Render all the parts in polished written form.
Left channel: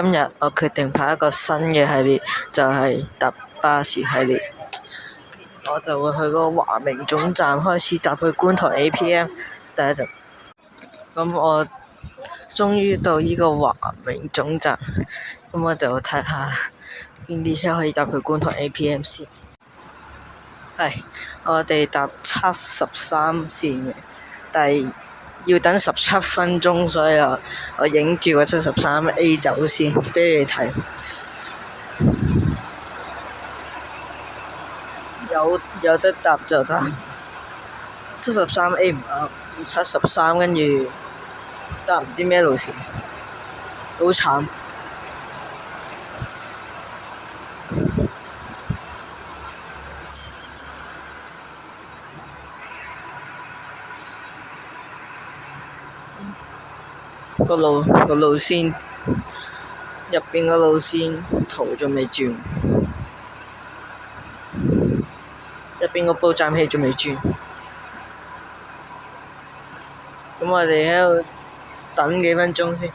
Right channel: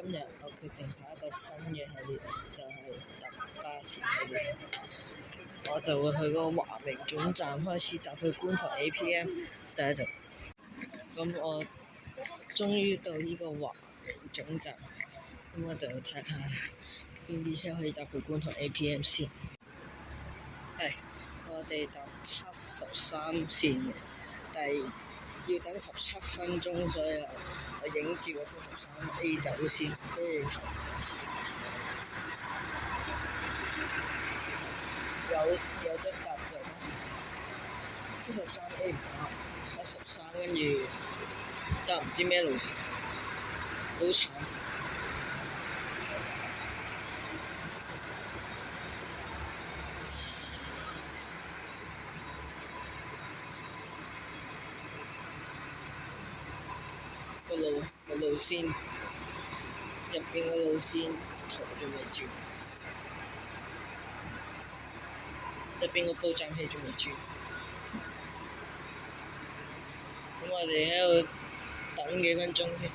今日我決定拍一個新嘅系列，就係搭巴士系列。我就會去嗰個華明總站開始搭去觀塘 APM。等一陣，咁我終於到呢個華明總站，咁我就睇下邊啲車可以搭去觀塘 APM 先。係，我哋搭73線嘅，但係要等17分鐘，所以我影住個73A 走先，俾你睇。有得搭就搭，73A 唔啱，73跟住搭唔知咩路線，好慘。個路線入邊個路線圖仲未轉，入邊個報站器仲未轉，咁我哋喺度等幾分鐘先。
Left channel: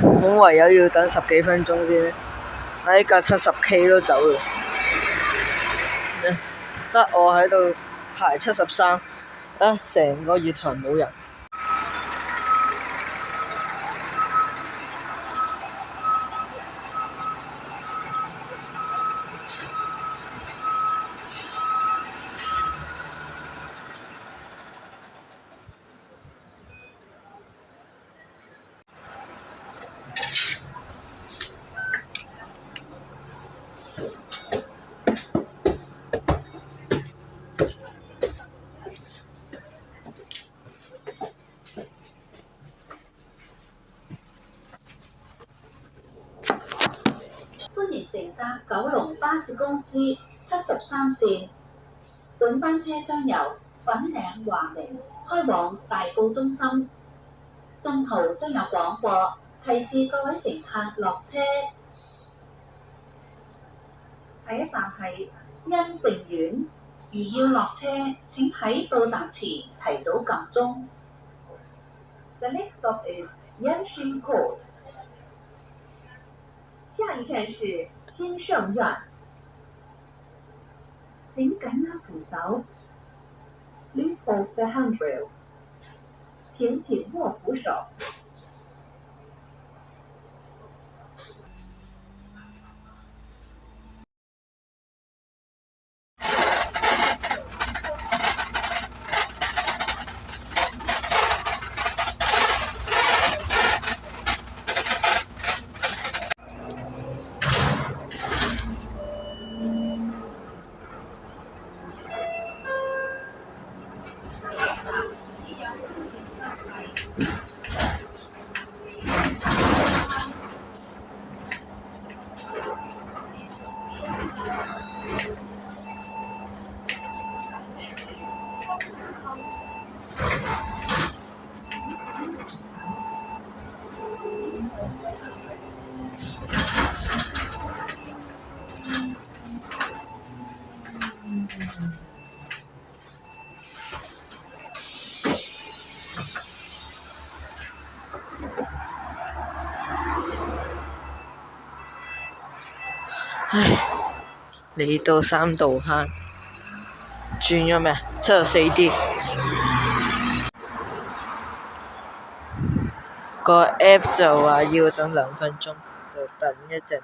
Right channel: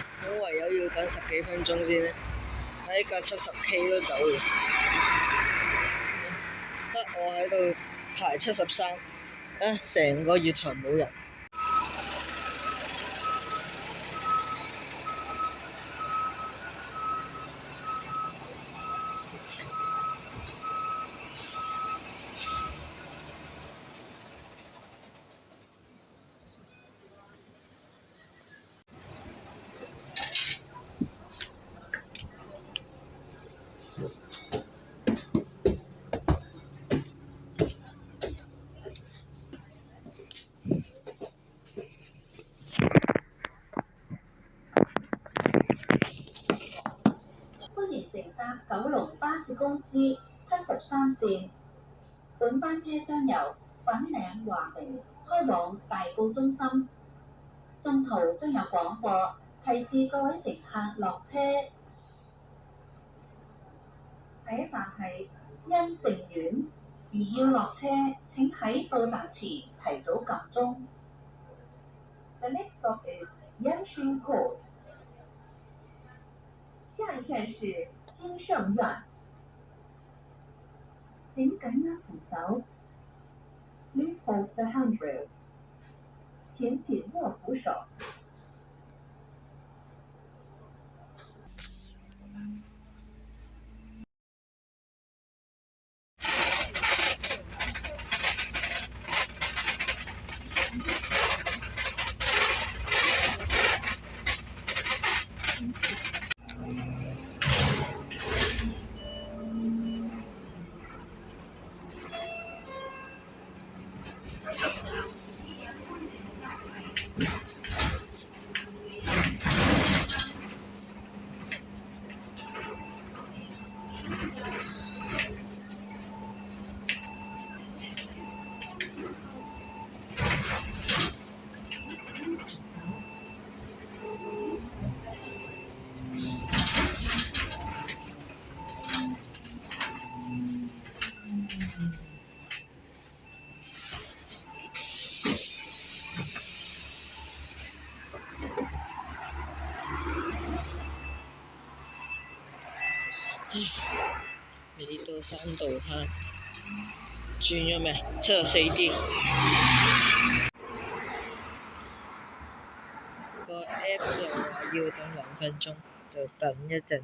我唯有要等10幾分鐘先。架70K 都走啦，得我喺度排73，成個月台冇人。歡迎乘搭九龍巴士公司73線，本班車將由粉嶺華明開往大埔中心，中途將有廣播提示各位乘客落車。下一站係恩盛苑，如要落車，請喺到站前提早撳鐘。The next stop is Yanxin Court。下一站是金盛苑，請緊握扶手。Please hold the handrail。請緊握扶手。嚟到三道坑，轉咗咩？74D。個 app 就話要等2分鐘，就等一陣。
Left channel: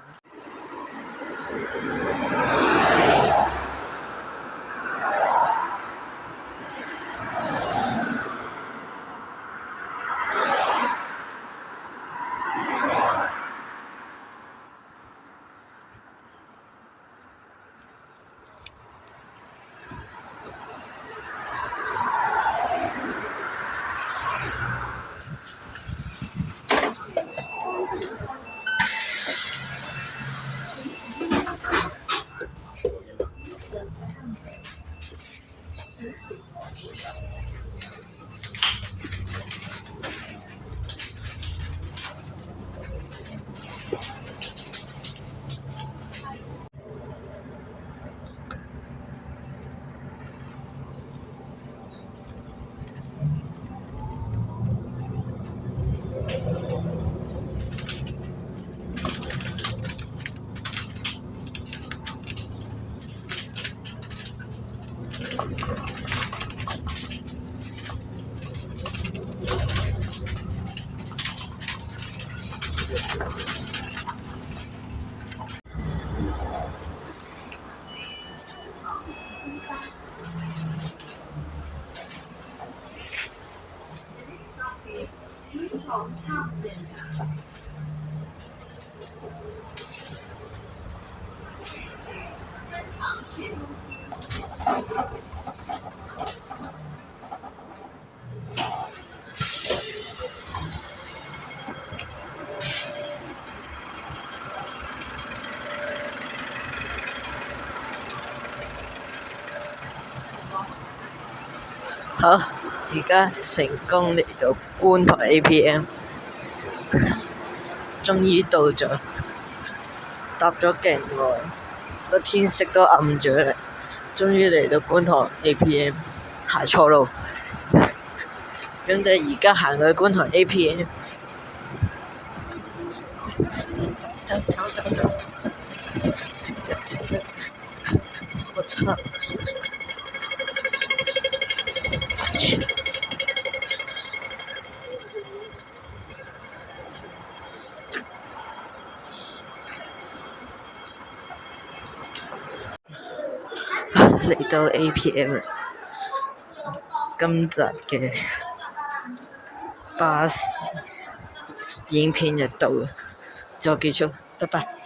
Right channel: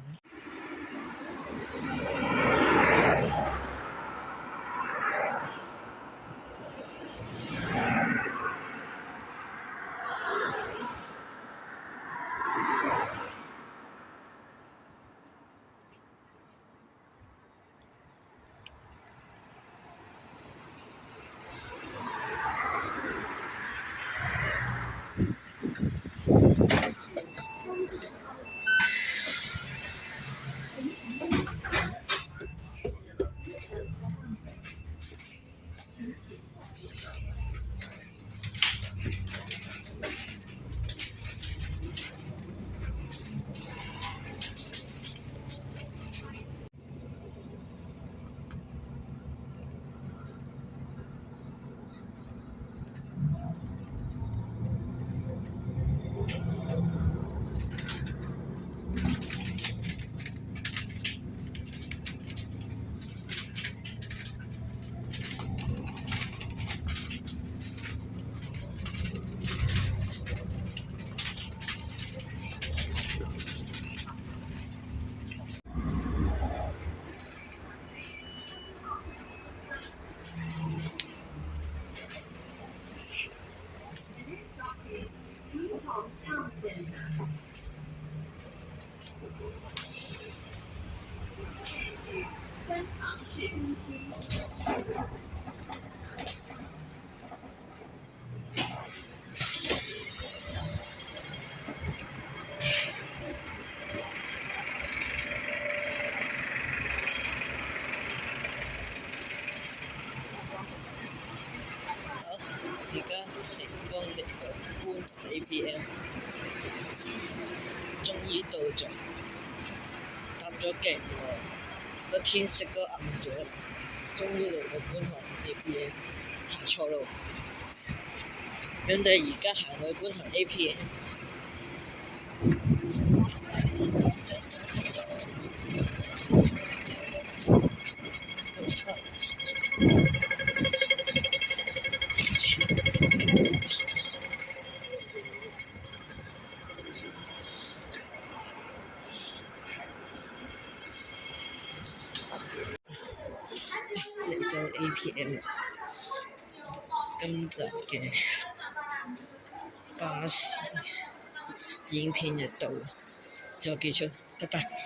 好，而家成功嚟到觀塘 APM， 終於到咗，搭咗勁耐，個天色都暗咗啦，終於嚟到觀塘 APM， 行錯路，咁就而家行去觀塘 APM， 走，我操！嚟到 APM 啦，今集嘅巴士影片就到啦，就結束，拜拜。